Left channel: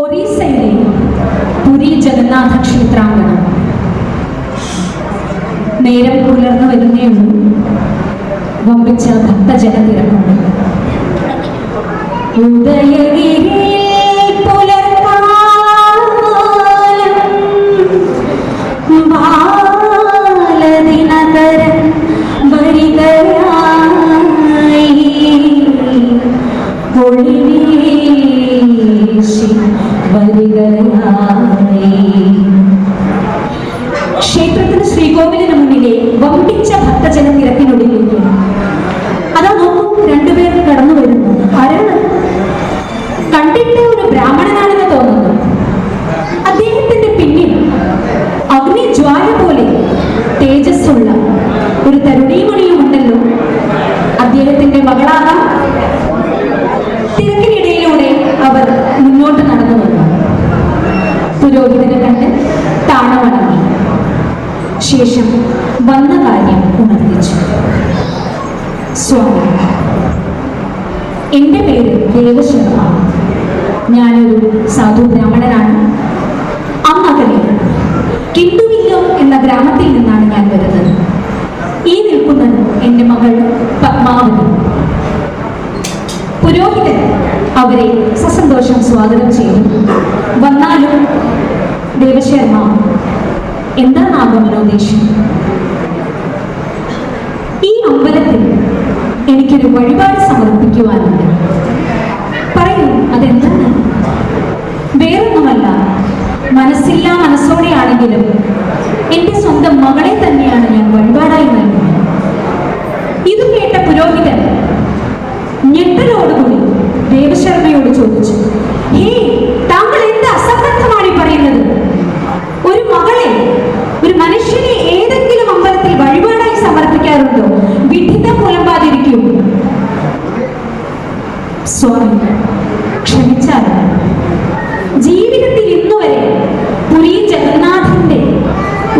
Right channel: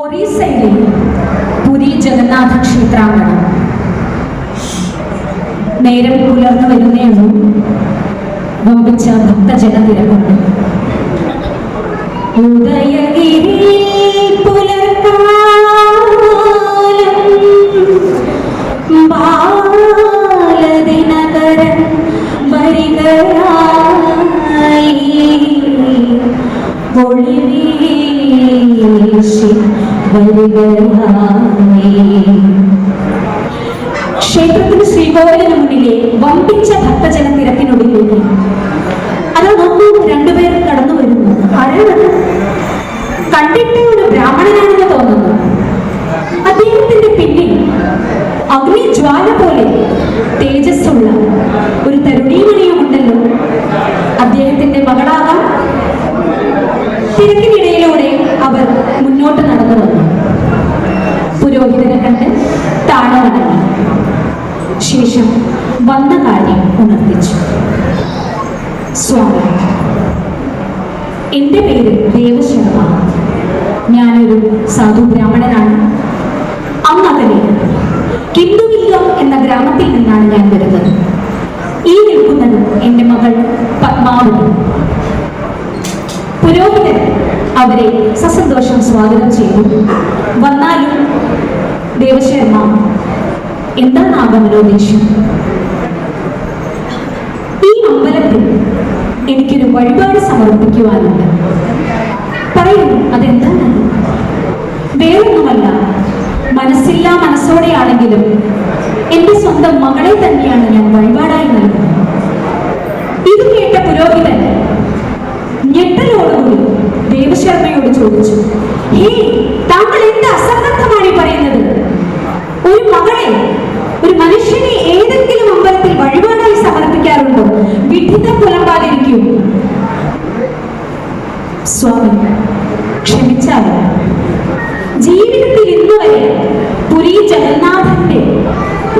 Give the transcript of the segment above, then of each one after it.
ഒറീസയിലെ പുരി ജഗന്നാഥ ക്ഷേത്രാങ്കണം. നേരം പുലർന്നു വരുന്നേയുള്ളൂ. വമ്പിച്ച ഭക്തജന തിരക്കുണ്ട്. ക്ഷേത്രത്തിന് ശ്രീകോവിലിന് മുന്നിലെ വമ്പിച്ച ഭക്തജന തിരക്കിനൊടുങ്ങിയിട്ട് അതാ നോക്കൂ, രണ്ടുപേർ കടന്നു വരുന്നു. ആരാണ്? കണ്ടിട്ട് ഒരു ബ്രാഹ്മണനാണെന്ന് തോന്നുന്നു. അദ്ദേഹത്തിന്റെ പിന്നിൽ അഗ്നിജ്വാല പോലെ തേജസ്സുള്ള ഒരു തരുണീമണിയും ഉണ്ടല്ലോ. അദ്ദേഹത്തിന്റെ മകളാകാം. തിരക്കിനിടയിലൂടെ അവർ മുന്നോട്ട് നടന്നു വന്നു. പുരോഹിതനെ കണ്ട് താഴെ വണങ്ങി. ശേഷം വന്ന കാര്യം ഉണർത്തിച്ചു. സ്വാമി, എൻ്റെ പേര് ദേവശർമ്മ. ഞാനൊരു സാധു ബ്രാഹ്മണനാണ്. അന്നകലെ കിണ്ടുവില്ലം എന്ന ഗ്രാമത്തിൽ നിന്നാണ് ഞാൻ വരുന്നത്. ഈ നിൽക്കുന്നത് എൻ്റെ മകൾ പത്മാവതി. പുരോഹിതൻ അവരെ സസന്തോഷം സ്വാഗതം ചെയ്തു. വന്നാലും ദേവശർമ്മ, എന്താണ് ആഗമനോദ്ദേശം? ഈ അമ്പലത്തിൽ എനിക്കൊരു വഴിപാട് സമർപ്പിക്കുവാനുണ്ട്. പറയൂ, അതെന്താണ്? വേറൊന്നുമല്ല, മനസ്സില്ലാ മനസ്സോടെയാണെങ്കിലും എന്റെ സ്വന്തം മകളെ തന്നെയാണ് ഞാൻ വഴിപാടായി നൽകുന്നത്. ഇത് കേട്ട പുരോഹിതൻ ഞെട്ടലോടുകൂടി ദേവശർമ്മയോട് ചോദിച്ചു, ഹേ, താങ്കൾ എന്ത് അസംബന്ധമാണ് പറയുന്നത്? ഒരു മകളെ, ഒരു മനുഷ്യനെ ഏതെങ്കിലും അമ്പലത്തിൽ വഴിപാടായി സമർപ്പിക്കാറുണ്ടോ? വിഡിതം പുലമ്പാതിരിക്കൂ. സ്വാമി, ക്ഷമിച്ചാലും ജീവിതത്തിൽ ഇന്നുവരെ പുരി ജഗന്നാഥന്റെ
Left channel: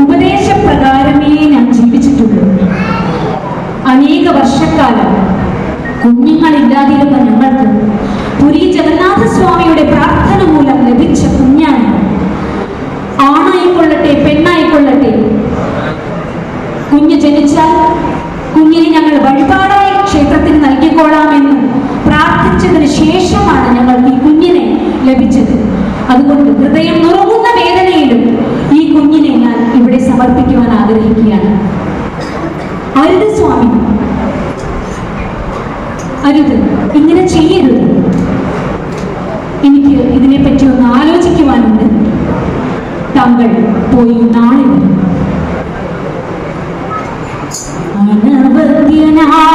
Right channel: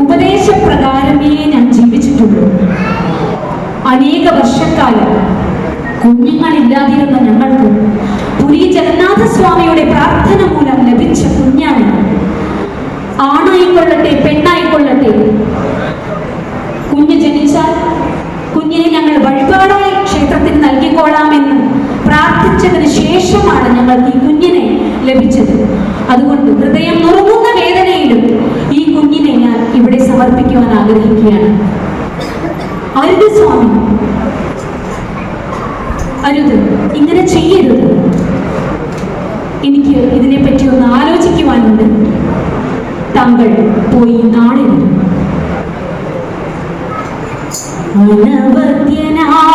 ഉപദേശപ്രകാരമേ ഞാൻ ജീവിച്ചിട്ടുള്ളൂ. അനേക വർഷക്കാലം കുഞ്ഞുങ്ങളില്ലാതിരുന്ന ഞങ്ങൾക്ക് പുരി ജഗന്നാഥ സ്വാമിയുടെ പ്രാർത്ഥന മൂലം ലഭിച്ച കുഞ്ഞാണ്. ആണായിക്കൊള്ളട്ടെ പെണ്ണായിക്കൊള്ളട്ടെ, കുഞ്ഞ് ജനിച്ചാൽ കുഞ്ഞിനെ ഞങ്ങൾ വഴിപാടായി ക്ഷേത്രത്തിൽ നൽകിക്കൊള്ളാമെന്ന് പ്രാർത്ഥിച്ചതിന് ശേഷമാണ് ഞങ്ങൾക്ക് ഈ കുഞ്ഞിനെ ലഭിച്ചത്. അതുകൊണ്ട് ഹൃദയം നുറുങ്ങുന്ന വേദനയിലും ഈ കുഞ്ഞിനെ ഞാൻ ഇവിടെ സമർപ്പിക്കുവാൻ ആഗ്രഹിക്കുകയാണ്. അരുത് സ്വാമി, അരുത്, ഇങ്ങനെ ചെയ്യരുത്. എനിക്ക് ഇതിനെപ്പറ്റി ഒന്ന് ആലോചിക്കുവാനുണ്ട്. താങ്കൾ പോയി നാളെ വരും. അനവദ്യനായിരുന്നു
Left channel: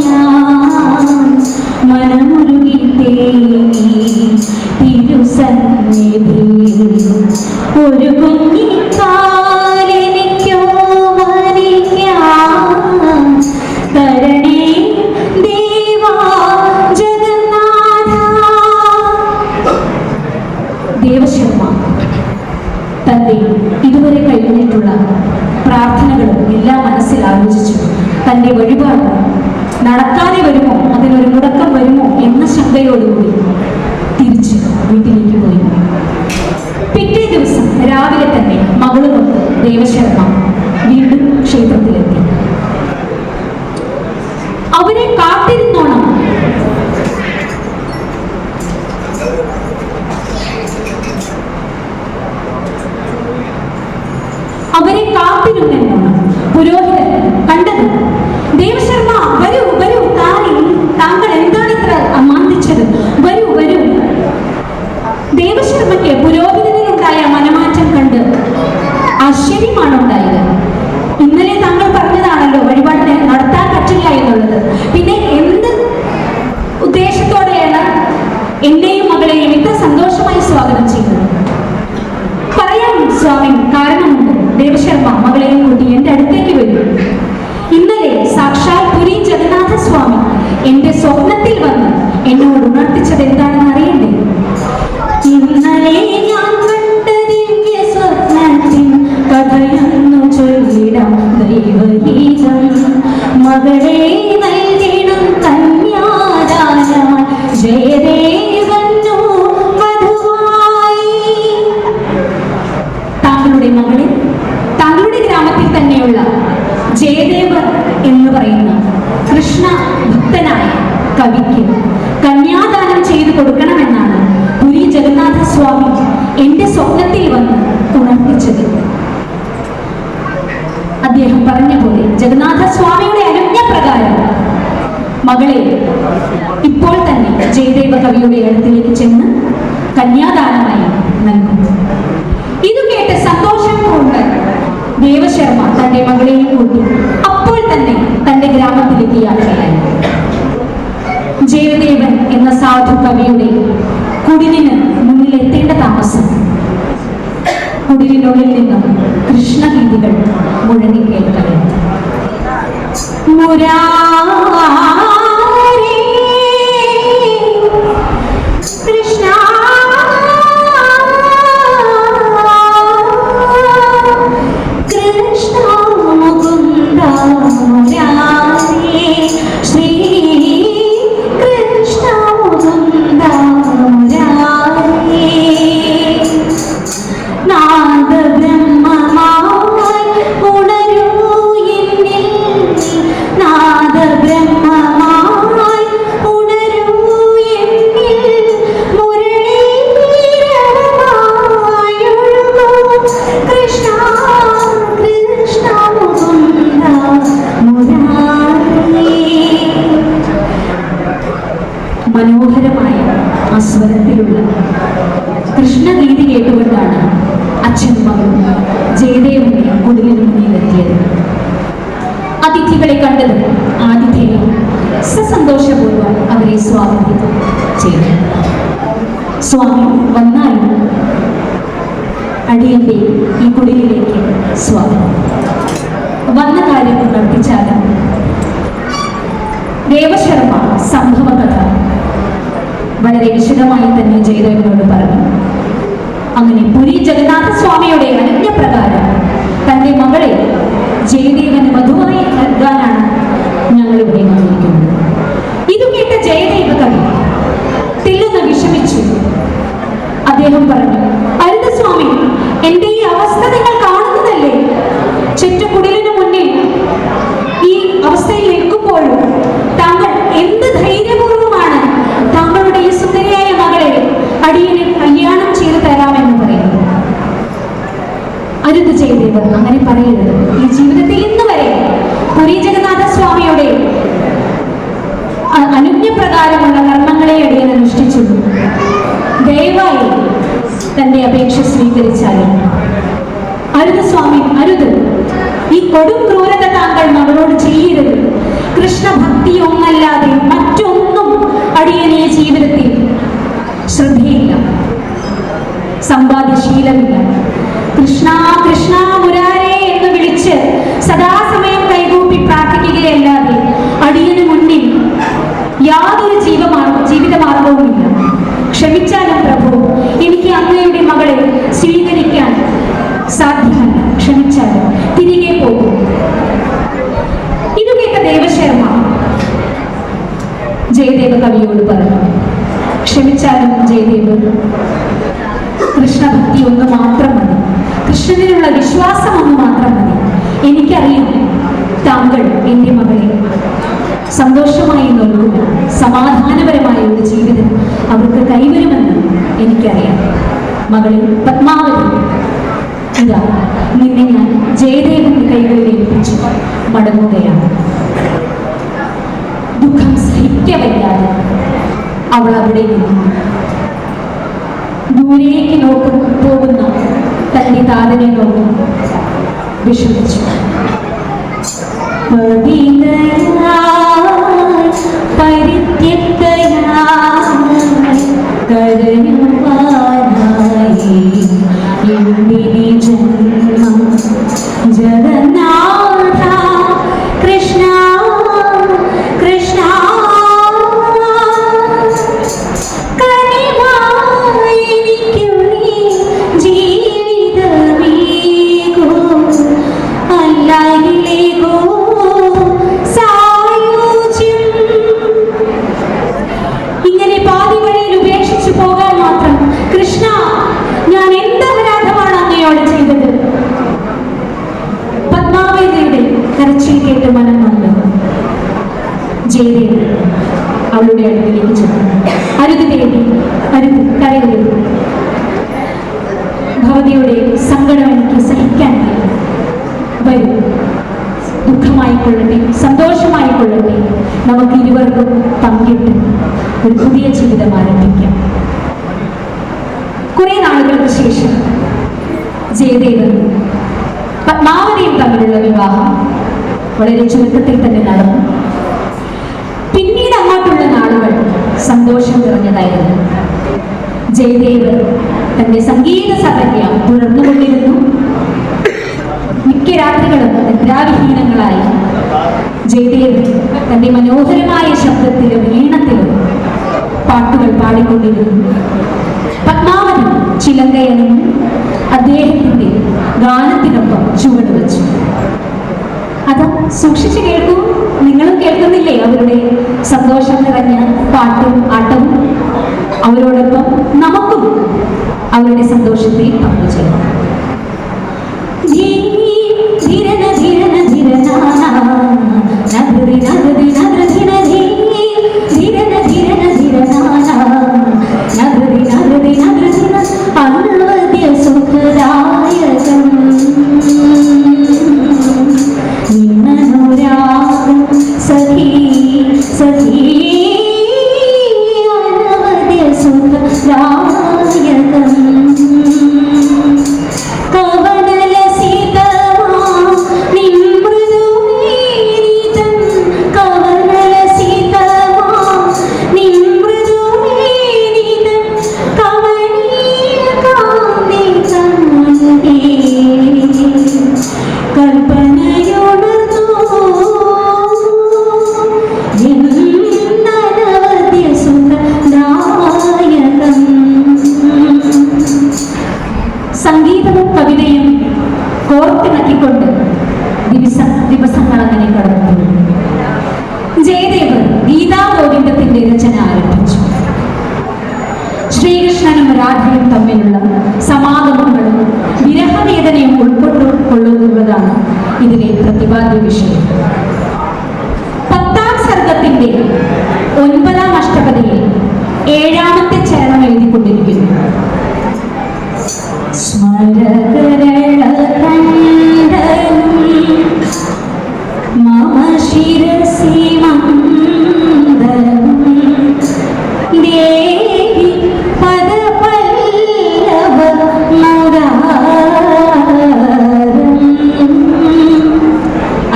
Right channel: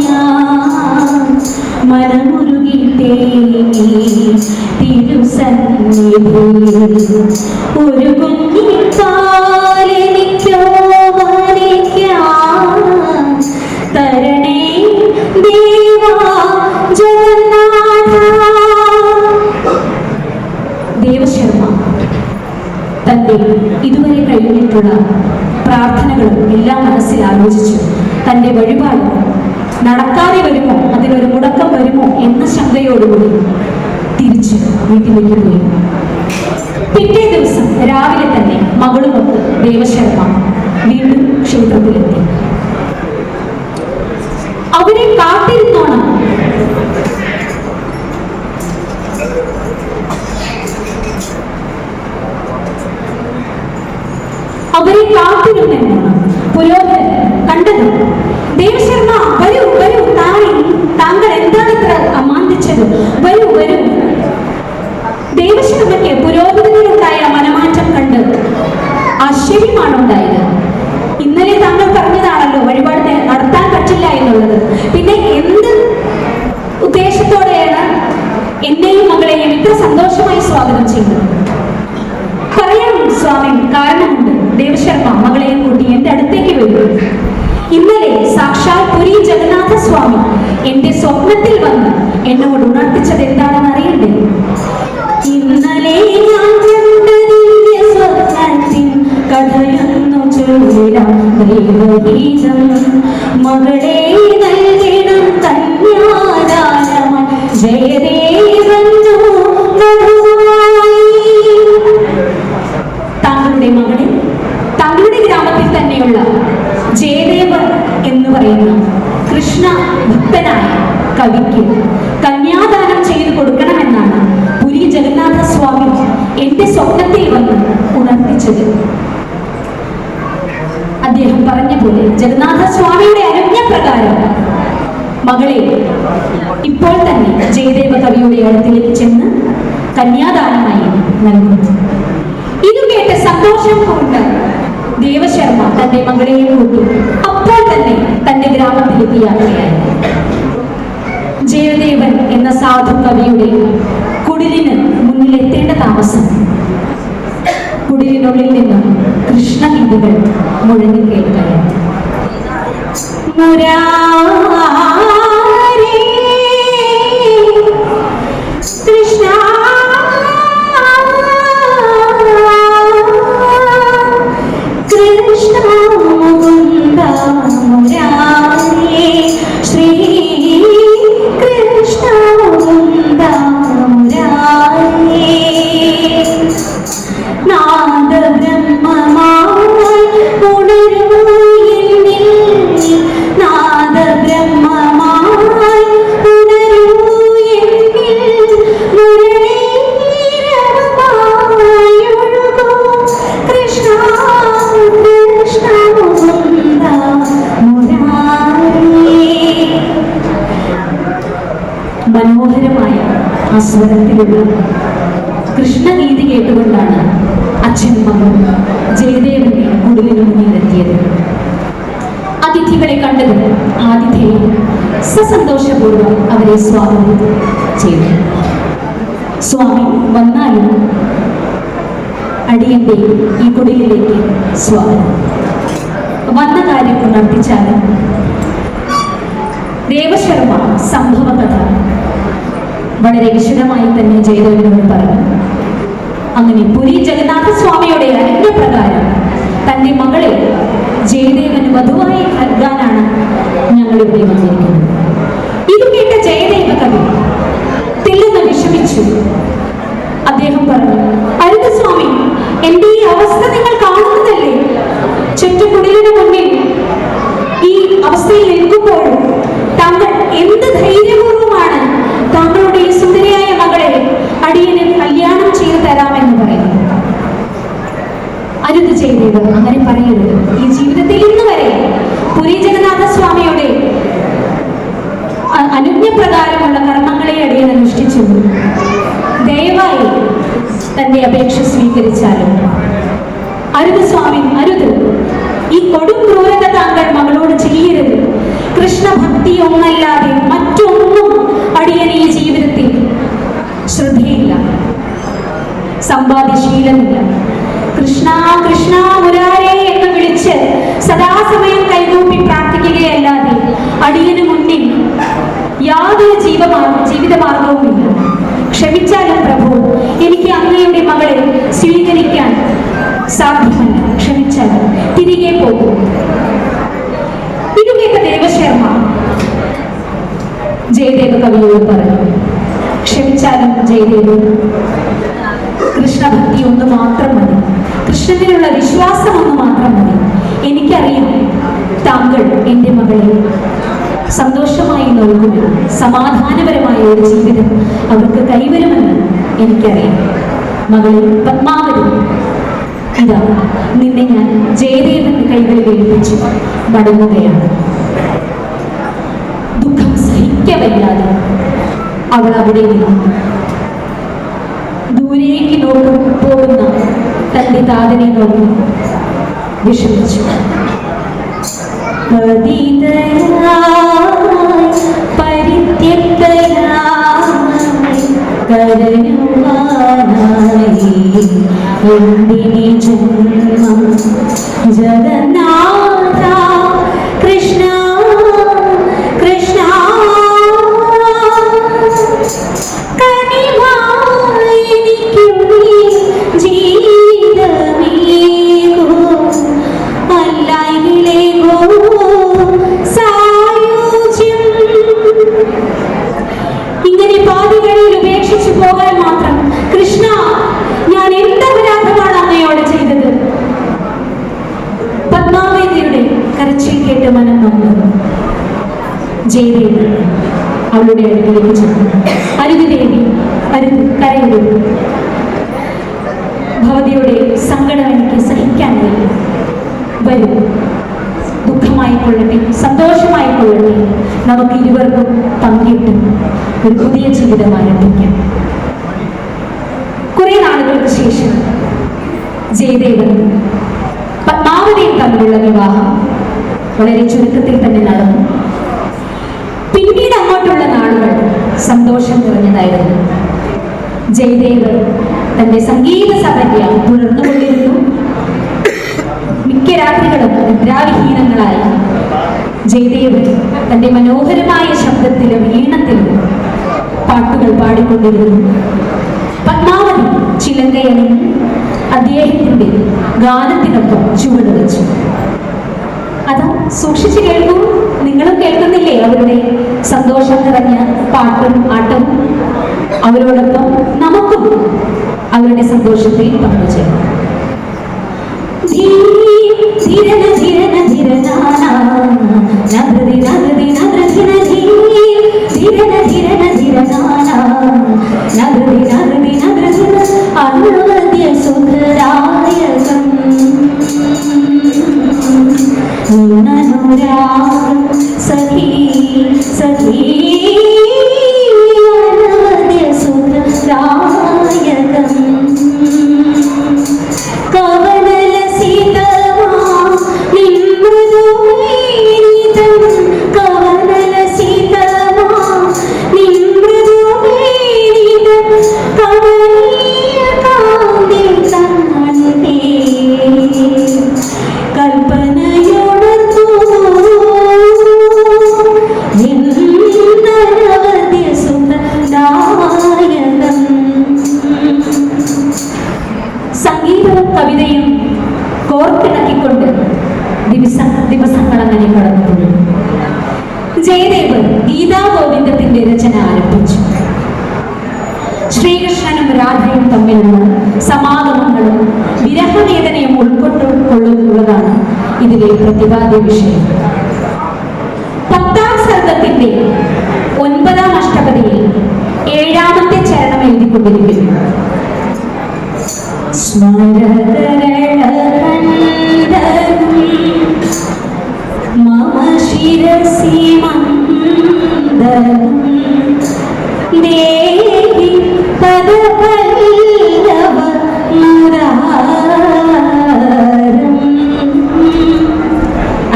ഞാൻ, മനമുരുകിട്ടേ തിരുസന്നിധിയിൽ ഒരു കുഞ്ഞിക്കാലെനിക്കോ വരിക്കാം. തരണേ ദേവാ ജഗന്നാഥ. ദേവശർമ്മ തന്റെ ഇതുവരെ കഴിഞ്ഞിട്ടുള്ള പ്രാർത്ഥനകളും എല്ലാം മനസ്സിൽ ആലോചിച്ചു. തന്റെ വഴിപാട് നടക്കാതെ വരുമോ, അതിനൊരു മുടക്കം വരുമോ എന്ന ശങ്കയോടുകൂടി തിരിച്ച് വീട്ടിലേക്ക് പോയി. പിറ്റേ ദിവസം രാവിലെ തന്നെ മകളുമൊത്ത് ദേവശർമ്മ വീണ്ടും ക്ഷേത്രത്തിലെത്തി. അവരെ കാത്തിരുന്നോണം അവരെ കാത്തിരുന്നെന്നാണ് പുരോഹിതൻ കണ്ടത്. ദേവശർമ്മ, വരൂ വരൂ, താങ്കൾ എന്താണ് ഇത്ര അമാന്തിച്ചത്? വരൂ വരൂ. ദേവശർമ്മയ്ക്ക് പുരോഹിതനിലുണ്ടായ മനമാറ്റം കണ്ട് ആശ്ചര്യമാണ് ഉണ്ടായത്. ഇന്നലെ താങ്കൾ പറഞ്ഞതാണല്ലോ വഴിപാട് നടത്താൻ പറ്റില്ല എന്നുള്ളത്. പിന്നെ എന്ത് ഉദ്ദേശത്തോടെയാണ് എന്നെയും മകളെയും ഇത്ര സന്തോഷമായി സ്വാഗതം ചെയ്യുന്നത്? പറയാം സ്വാമി, കാരണമുണ്ട്. ദേവശർമ്മ മകളെയും കൂട്ടി എന്റെ അടുത്തേക്ക് വരും. ഇന്നലെ സാക്ഷാൽ പുരി ജഗന്നാഥ സ്വാമി എന്റെ സ്വപ്നത്തിൽ വന്ന് എന്നോട് ഉണർത്തിച്ചത് എന്താണെന്ന് അറിയണ്ടേ? ഇന്നലെ ഞാൻ കണ്ട ദിവ്യ സ്വപ്നത്തിൽ കഥയൊന്നു ചൊല്ലിടാം ദൈവഗീതം. മകളെ നൽകിടും കന്യാദാനം ജയദേവൻ പറയുന്ന കൃഷ്ണ ഭക്തനായ കവിക്ക് കന്യാദാനം ചെയ്തു കൊടുക്കണമെന്നാണ് പുരി ജഗന്നാഥ സ്വാമി എന്റെ സ്വപ്നത്തിൽ വന്ന് ഉണർത്തിച്ചത്. അദ്ദേഹം പറഞ്ഞ പോലെ ജഗന്നാഥ സ്വാമിയുടെ അനുജ്ഞ പ്രകാരം മകളെ ഇപ്പോൾ തന്നെ ജയദേവ കവിയുടെ അടുത്തിലേക്ക് ചെന്ന് കന്യാദാനമായി നൽകുന്നു. ഇത് കേട്ട് സന്തോഷം കൊണ്ട് ദേവശർമ്മ തന്റെ മകളെയും കൂട്ടി അപ്പോൾ തന്നെ തന്റെ ഗ്രാമത്തിലേക്ക് യാത്രയായി. ജയദേവൻ എന്ന സാധു കവിയുടെ കുടിലിന് മുന്നിലെത്തേണ്ട താമസം കുടിലിനുള്ളിൽ നിന്നും കൃഷ്ണഗീതികൾ മുഴങ്ങി കേൾക്കാൻ. കൃഷ്ണ മനോഹരമായ ആസ്വദനത്തിലുള്ള കൃഷ്ണഗീതി കേട്ടുകൊണ്ടാണ് അച്ഛനും ജയദേവനെ കുടിലിനു മുന്നിലെത്തിയത്. അതിഥികളെ കണ്ടത് ആതിഥേയം സസന്തോഷപൂർവ്വം അവരെ സ്വാഗതം ചെയ്തു. സ്വാമി വന്നാലും അടിയന്റെ ഈ കുടിലിലേക്ക് സ്വാഗതം. വന്ന കാര്യം ഉണർത്തിച്ചാലും ദേവശർമ്മ സംഭവ കഥ വളരെ വിശദമായി തന്നെ ജയദേവനോട് പറഞ്ഞു. അങ്ങനെ പുരി ജഗന്നാഥ സ്വാമിയുടെ അനുജ്ഞ പ്രകാരം തന്റെ മകളെ ജയദേവന് വധുവായി നൽകാനാണ് ഞങ്ങളിവിടെ വന്നിരിക്കുന്നത്. ഇത് കേട്ട ജയദേവ കവി തെല്ലുന്ന് വിഷമിച്ചു. അദ്ദേഹം പറഞ്ഞു, അരുത് സ്വാമി, എന്റെ ഈ അവസ്ഥ നിങ്ങൾ കാണുന്നതല്ലേ? ചുറ്റുകുടിലിന് മുന്നിൽ ഈ അവസ്ഥയിൽ നിൽക്കുമ്പോഴും താങ്കൾ എന്ത് ധൈര്യപൂർവ്വമാണ് താങ്കളുടെ ഈ സുന്ദരിയായ മകളെ അടിയനെ കല്യാണം ചെയ്തു തരാമെന്ന് പറയുന്നു. അരുത് ചെയ്തത്, അങ്ങനെ പറയരുത്. ഈ ജീവിതത്തിൽ ഇന്ന് വരെ പുരി ജഗന്നാഥ സ്വാമിയുടെ അനുജ്ഞ പ്രകാരമുള്ള കർമ്മങ്ങളെ അടിയൻ അനുഷ്ഠിച്ചു. ദയവായി തന്റെ അപേക്ഷ സ്വീകരിച്ചാലും. അരുത് സ്വാമി, അരുത്. ഈ കൊടും ക്രൂരത താങ്കൾ മകളോട് ചെയ്യരുത്. കൃഷ്ണഭക്തി ഒന്നല്ലാതെ മറ്റൊന്നും അടിയൻ ഈ ജീവിതത്തിൽ ശ്രദ്ധയില്ല, സമ്പാദ്യശീലമില്ല. കൃഷ്ണ കൃഷ്ണ മുരാരേ എന്ന് വിളിച്ച് സദാസമയം കൈകൂപ്പി പ്രാർത്ഥിക്കുകയല്ലാതെ അടിയന് മുന്നിൽ യാതൊരു ജീവിതമാർഗവുമില്ല. ക്ഷമിച്ചാലും പ്രഭു, എനിക്ക് അങ്ങയുടെ മകളെ സ്വീകരിക്കാൻ സാധ്യമല്ല. ക്ഷമിച്ചാലും തിരികെ പോകും. ഇത് കേട്ട ദേവശർമ്മ ജയദേവ കവിയോട് പറഞ്ഞു, ക്ഷമിച്ചാലും ജയദേവ്, കൃഷ്ണഭക്തി ഒന്ന് മാത്രം മതി, കൃഷ്ണനിലുള്ള വിശ്വാസം ഒന്ന് മാത്രം മതി. എനിക്കറിയാം താങ്കൾ എൻ്റെ മകളെ സന്തോഷമായി നൽകുക, സമാധാനപരമായ ഒരു ജീവിതം അവർക്ക് കൈവരുമെന്ന് എനിക്കറിയാം. മകളെ പത്മാവതി, ഇതാ നിന്നെ ഞാൻ ജയദേവന്റെ കൈകളിൽ ഏൽപ്പിച്ചു മടങ്ങുകയാണ്. ദുഃഖം സഹിക്കവയ്യാതെ അവൾ അവിടെ നിന്നു ദൂരേക്ക് പോകുന്ന തന്റെ താതനെ നോക്കി വിഷമിച്ചു. ജഗന്നാഥ കൃഷ്ണ കൃഷ്ണ ജീവിതമേകൂ അല്ലായിലേക്കോ സായി ജയദേവൻ അവളുടെ അടുത്തേക്ക് ചെന്നു. അരുത് ദേവി, അരുത്, കരയൂ. ഭവതിയുടെ സങ്കടം എനിക്ക് സഹിക്കാൻ കഴിയും. വരൂ, ദുഃഖമായിക്കൊള്ളട്ടെ, സന്തോഷമായിക്കൊള്ളട്ടെ, നമുക്ക് ഇരുവർക്കും പങ്കിട്ട് ഒരു പുതിയ ജീവിതം ആരംഭിക്കാം. കുറെ നാളുകൾക്ക് ശേഷം ജയദേവൻ പത്മാവതിയും തമ്മിലുള്ള വിവാഹം വളരെ ചുരുക്കത്തിൽ തന്നെ നടന്നു. പിന്നീട് അങ്ങോട്ടുള്ള നാളുകൾ സന്തോഷം നിറഞ്ഞതായിരുന്നു. ജയദേവൻ തന്റെ സംഗീത സഹര്യ തുടർന്നുകൊണ്ടിരുന്നു. മിക്ക രാത്രികളും നിദ്രാവിഹീനങ്ങളായി ജയദേവൻ തന്റെ മനോഹരമായ ശബ്ദത്തിലും ഈണത്തിലും പാട്ടുകൾ പാടിക്കൊണ്ടിരുന്നു. പത്മാവതി ചിലങ്കയണിഞ്ഞ് അദ്ദേഹത്തിന്റെ ഗാനത്തിനൊപ്പം ചുവട് വെച്ചു. അത് സൂക്ഷിച്ചു കേൾക്കൂ. നിങ്ങളും കേൾക്കുന്നില്ലേ അവരുടെ സന്തോഷം നിറഞ്ഞ പാട്ടും ആട്ടവും? അവരോടൊപ്പം നമുക്കും അവരുടെ സന്തോഷത്തിൽ പങ്കുചേരാം. സംഗീതവും കവിതയും കോർത്തിണക്കിക്കൊണ്ട് ദിവസങ്ങൾ അങ്ങനെ കടന്നു. ജയദേവൻ ഗീതാഗോവിന്ദത്തിന്റെ രചന ആരംഭിച്ചു. ശ്രീകൃഷ്ണനും രാധയും തമ്മിലുള്ള സമാഗമങ്ങളും വിരഹവേദനയും ഉൾക്കൊള്ളുന്നതാണ് ഇതിലെ പ്രതിപാദ്യ വിഷയം. 10ാം സർഗത്തിന്റെ 9ാം അഷ്ടപതിയിൽ 7ാമത്തെ ചരണം എഴുതിക്കൊണ്ടിരിക്കുന്നു.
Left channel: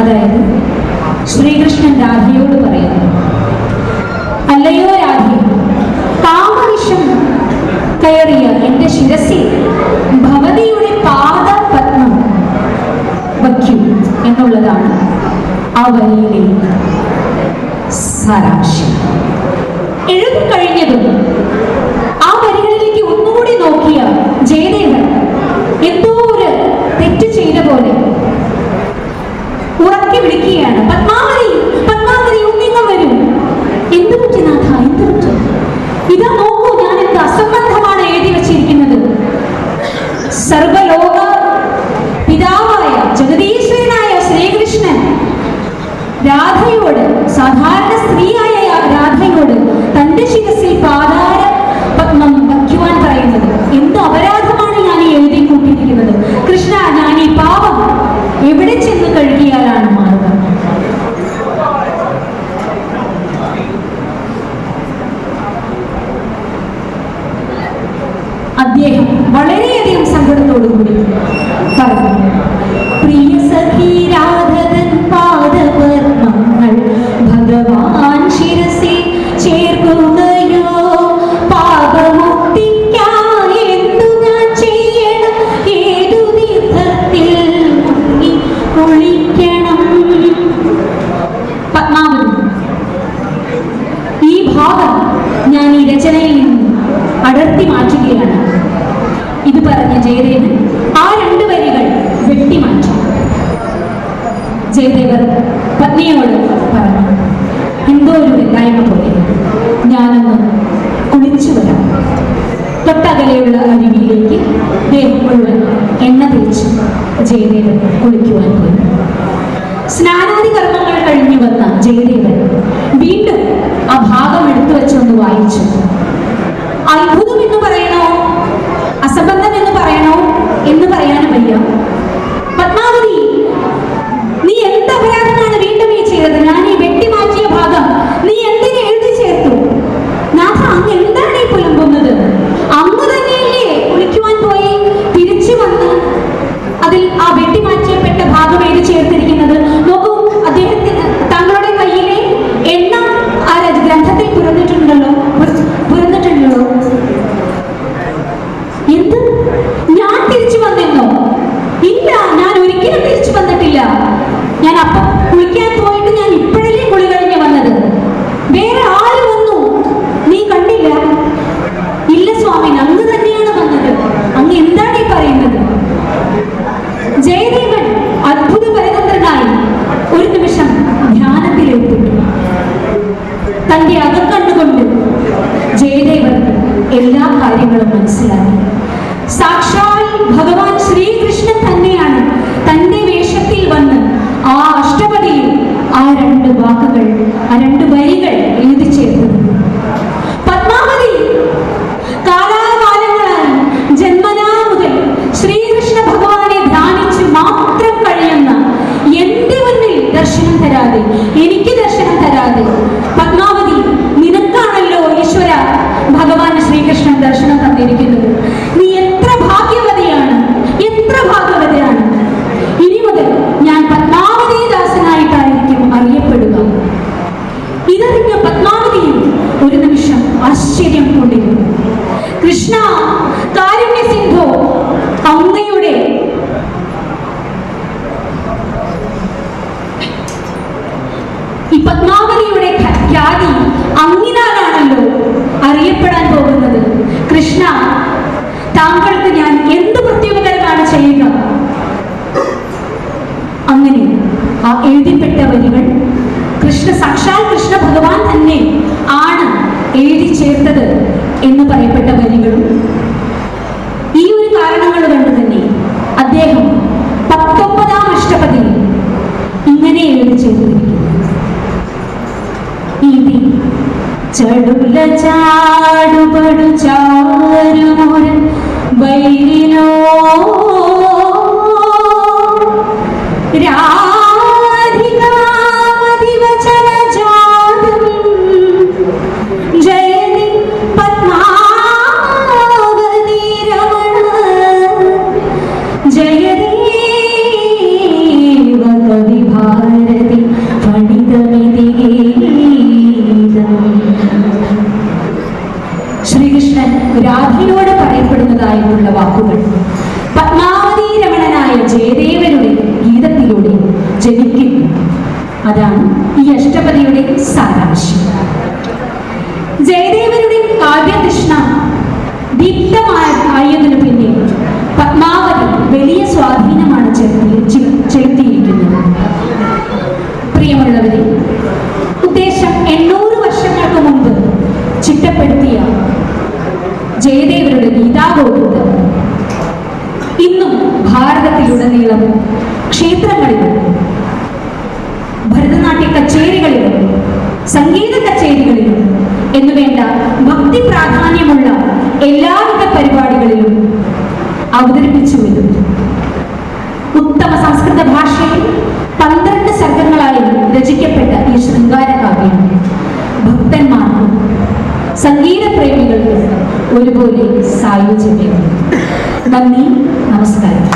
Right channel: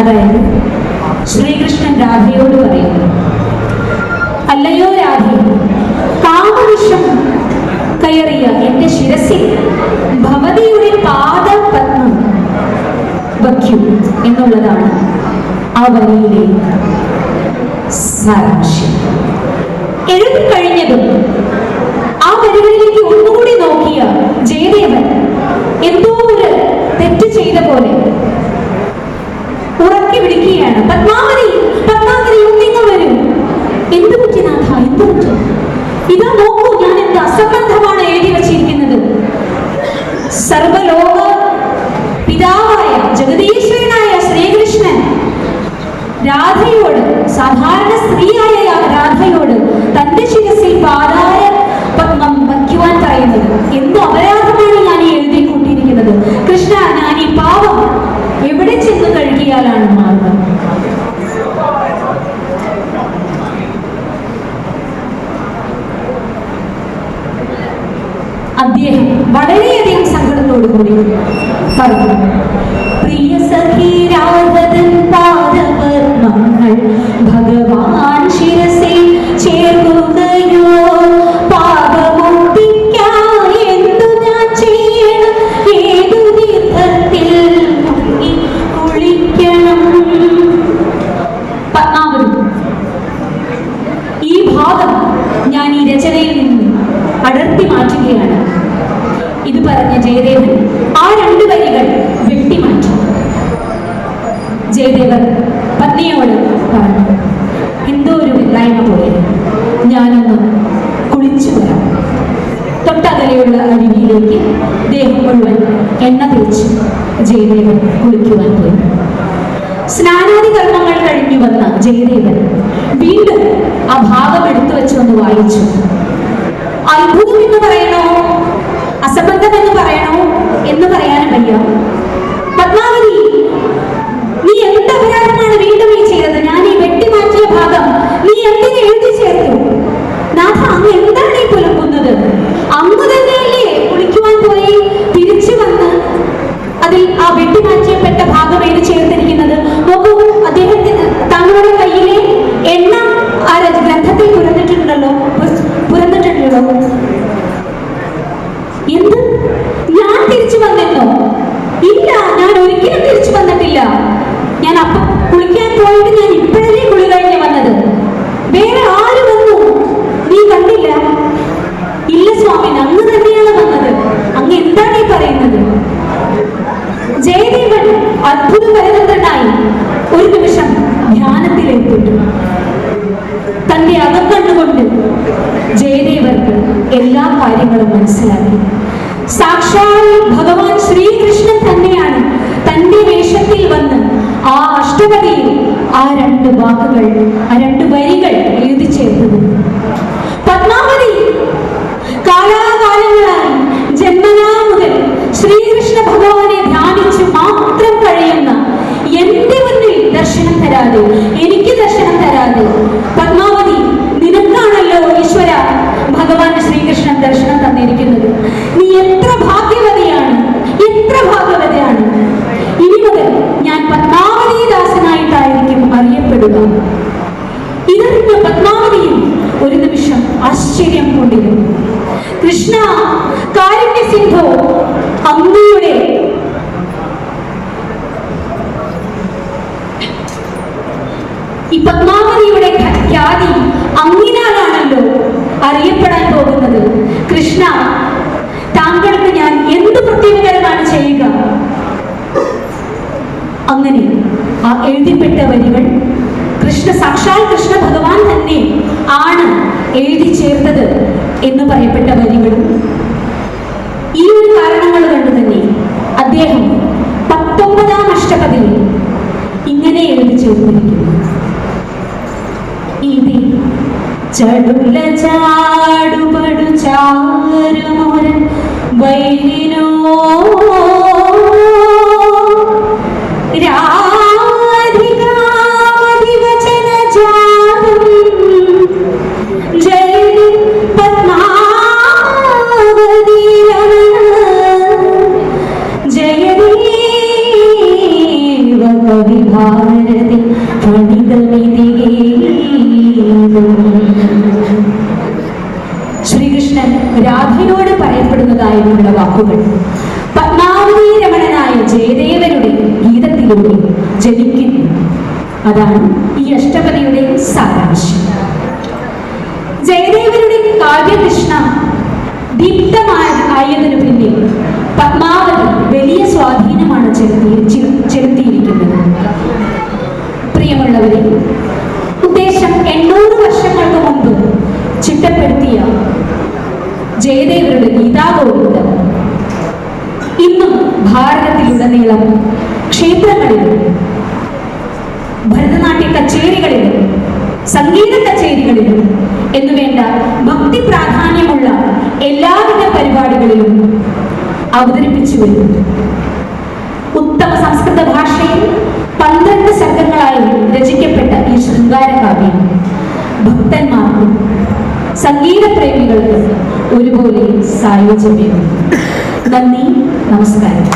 അതായത് ശ്രീകൃഷ്ണൻ രാധയോട് പറയുന്നു, അല്ലയോ രാധേ, കാമവിഷം കയറിയ എന്റെ ശിരസിൽ ഭവതിയുടെ പാദപത്മം വയ്ക്കൂ എന്നുള്ളതാണ് ആ വരിയിലെ സാരാംശം. എഴുതി കഴിഞ്ഞതും ആ വരികളിലേക്ക് ഒന്നുകൂടി നോക്കിയ ജയദേവൻ എന്തോ ഒരു തെറ്റ് ചെയ്ത പോലെ ഉറക്കി വിളിക്കുകയാണ്, പത്മാവതി, പത്മാവതി, ഒന്നിങ്ങ് വരൂ. എന്ത് പറ്റി നാഥ, എന്ത് പറ്റി? ഇതാ നോക്കൂ, ഞാൻ എന്ത് അസംബന്ധമാണ് എഴുതി വച്ചിരിക്കുന്നത്. സർവലോക പിതാവായ ജഗദീശ്വരനായ ശ്രീകൃഷ്ണൻ രാധയോട്, സാധാരണ സ്ത്രീയായ രാധയോട് തന്റെ ശിരസിൽ പാതാര പത്മം വയ്ക്കുവാൻ പറയുന്നത് എന്ത് അപരാധമാണ് ഞാൻ ഈ എഴുതി കൂട്ടിയിരിക്കുന്നത്. കൃഷ്ണ, ഞാൻ ഈ പാവം എവിടെ ചെന്ന് കഴുകിയാലാണ് മാറുക? അദ്ദേഹം വളരെയധികം സങ്കടത്തോടു കൂടി പറഞ്ഞു, പ്രിയ സഖി രാധതൻ പാദപത്മങ്ങൾ ഭഗവാൻ ശിരസിൽ ചേർക്കുകയോ, പാപമുക്തിക്കായി എന്തു ഞാൻ ചെയ്യണം, ഏതു തീർത്ഥത്തിൽ മുങ്ങി കുളിക്കണം? പത്മാവതി, ഈ ഭാവം ഞാൻ ഈ രചനയിൽ നിന്ന് അടർത്തി മാറ്റുകയാണ്. ഇത് പറഞ്ഞ ജയദേവൻ ആ 2 വരികൾ വെട്ടിമാറ്റി. ജയദേവൻ പത്നിയോട് പറഞ്ഞു, എന്തോ ഒരു വെല്ലായ്മ പോലെ, ഞാനൊന്ന് കുളിച്ചു വരാം. തൊട്ടകലെയുള്ള അരുവിയിലേക്ക് ദേഹം മുഴുവൻ എണ്ണ തേച്ച് ജയദേവൻ കുളിക്കുവാൻ പോയി. സ്നാനാദി കർമ്മങ്ങൾ കഴിഞ്ഞു വന്ന ജയദേവൻ വീണ്ടും വയ്യ. പത്മാവതി, നീ എന്ത് അപരാധമാണ് വീണ്ടും ഈ ചെയ്തത്? ഞാൻ ഈ വെട്ടിമാറ്റിയ ഭാഗം നീ എന്തിനു എഴുതി ചേർത്തു? നാഥ, അങ്ങ് എന്താണ് ഈ പുലമ്പുന്നത്? അങ്ങ് തന്നെയല്ലേ കുളിക്കുവാൻ പോയി തിരിച്ചു വന്ന് അതിൽ ആ വെട്ടിമാറ്റിയപ്പെട്ട ഭാഗം എഴുതി ചേർത്തിരിക്കുന്നത്? നോക്കൂ, അദ്ദേഹത്തിന് തങ്ങളുടെ കയ്യിലെ എണ്ണ ആ ഗ്രന്ഥത്തിൽ പുരന്നിട്ടുണ്ടല്ലോ. എന്ത്? ഞാൻ തിരിച്ചു വന്നെന്നോ? ഇല്ല, ഞാൻ ഒരിക്കലും തിരിച്ചു വന്നിട്ടില്ല. ഞാൻ അപ്പം കുളിക്കാൻ പോയിട്ട് ഞാൻ ഇപ്പോഴല്ലേ കുളി കഴിഞ്ഞ് വന്നത്. വേറെ ആര് വന്നു? നീ കണ്ടില്ല? ഇല്ല സ്വാമി, അങ്ങ് തന്നെയാണ് വന്നത്. അങ്ങ് എന്താണ് ഈ പറയുന്നത്? ജയദേവൻ അത്ഭുതപരിതനായി ഒരു നിമിഷം ധ്യാനത്തിലേർപ്പെട്ടു. തന്റെ അകക്കണ്ണുകൊണ്ട് ജയദേവർക്ക് എല്ലാ കാര്യങ്ങളും മനസ്സിലാക്കി. സാക്ഷാൽ ഭഗവാൻ ശ്രീകൃഷ്ണൻ തന്നെയാണ് തന്റെ വേഷത്തിൽ വന്ന് ആ അഷ്ടപതിയിൽ ആ രണ്ട് വാക്കുകൾ, ആ രണ്ട് വരികൾ എഴുതി ചേർത്തത്. പത്മാവതി, കാലാകാലങ്ങളായി ജന്മനാ മുതൽ ശ്രീകൃഷ്ണ ഭഗവാനെ ധ്യാനിച്ച് മാത്രം കഴിയുന്ന എന്റെ മുന്നിൽ ദർശനം തരാതെ, എനിക്ക് ദർശനം തരാതെ, പത്മാവതി, നിനക്കാണല്ലോ ഈശ്വര ഭഗവാൻ ശ്രീകൃഷ്ണൻ ദർശനം തന്നിരിക്കുന്നത്. നീ എത്ര ഭാഗ്യവതിയാണ്, എത്ര ഭാഗ്യവതിയാണ്. ഇനി മുതൽ ഞാൻ പത്മാവതി ദാസനായിട്ടായിരിക്കും അറിയപ്പെടുക. ഇതറിഞ്ഞ പത്മാവതിയിൽ ഒരു നിമിഷം ആശ്ചര്യം കൊണ്ടിരുന്നു. കൃഷ്ണ, കാരുണ്യ സിന്ധു, അങ്ങയുടെ ഈ പത്മാവതിയുടെ ഖ്യാതി അങ്ങിനാലാണല്ലോ അറിയപ്പെടാൻ പോകുന്നത്. കൃഷ്ണ, താങ്കൾക്ക് ഞാൻ എന്ത് പ്രത്യേകതരമാണ് ചെയ്യുക? അങ്ങനെ ആ എഴുതിപ്പെട്ട വരികൾ സാക്ഷാൽ കൃഷ്ണ ഭഗവാൻ തന്നെ ആണ് എഴുതി ചേർത്തത് എന്ന് പറയപ്പെട്ട വരികളും ഈ ഒരു കാരണങ്ങൾ കൊണ്ട് തന്നെ അദ്ദേഹം 19ാം അഷ്ടപതിയിൽ ഇങ്ങനെ എഴുതി ചേർത്തിരിക്കുന്നു. ഇതി ചടുല ചാടുപടു ചാരുമുരൻ വൈരിനോ ശ്രീകൃഷ്ണൻ രാധയോട് പറയപ്പെടുന്നതായിട്ടുള്ള വാക്കുകൾ പത്മാവതി രമണനായ ജയദേവരുടെ ഗീതത്തിലൂടെ ജനിക്കുന്നു. അതാണ് ഈ അഷ്ടപതിയുടെ സാരാംശം. ജയദേവരുടെ കാവ്യതൃഷ്ണ ദീപ്തമായതിനു പിന്നെ പത്മാവതി വലിയ സ്വാധീനമാണ് ചെലുത്തിയിരിക്കുന്നത്. പ്രിയമുള്ളവരെ, ഉദ്ദേശം 800 വർഷങ്ങൾക്ക് മുമ്പ് ചിട്ടപ്പെടുത്തിയ ജയദേവരുടെ ഗീതാഗോവിന്ദം ഇന്നും ഭാരതത്തിലുടനീളം ക്ഷേത്രങ്ങളിലും ഭരതനാട്യ കച്ചേരികളിലും സംഗീത കച്ചേരികളിലും എന്നുവേണ്ട ഭക്തി പ്രാധാന്യമുള്ള എല്ലാവിധ പരിപാടികളിലും അവതരിപ്പിച്ചു വരുന്നു. ഉത്തമ സംസ്കൃത ഭാഷയിൽ 12 സർഗങ്ങളായി രചിക്കപ്പെട്ട ഈ ശൃംഗാരകാവ്യം ഭക്തന്മാർക്കും സംഗീതപ്രേമികൾക്കും ഒരുപോലെ സായോജ്യമാണ്. നന്ദി, നമസ്കാരം.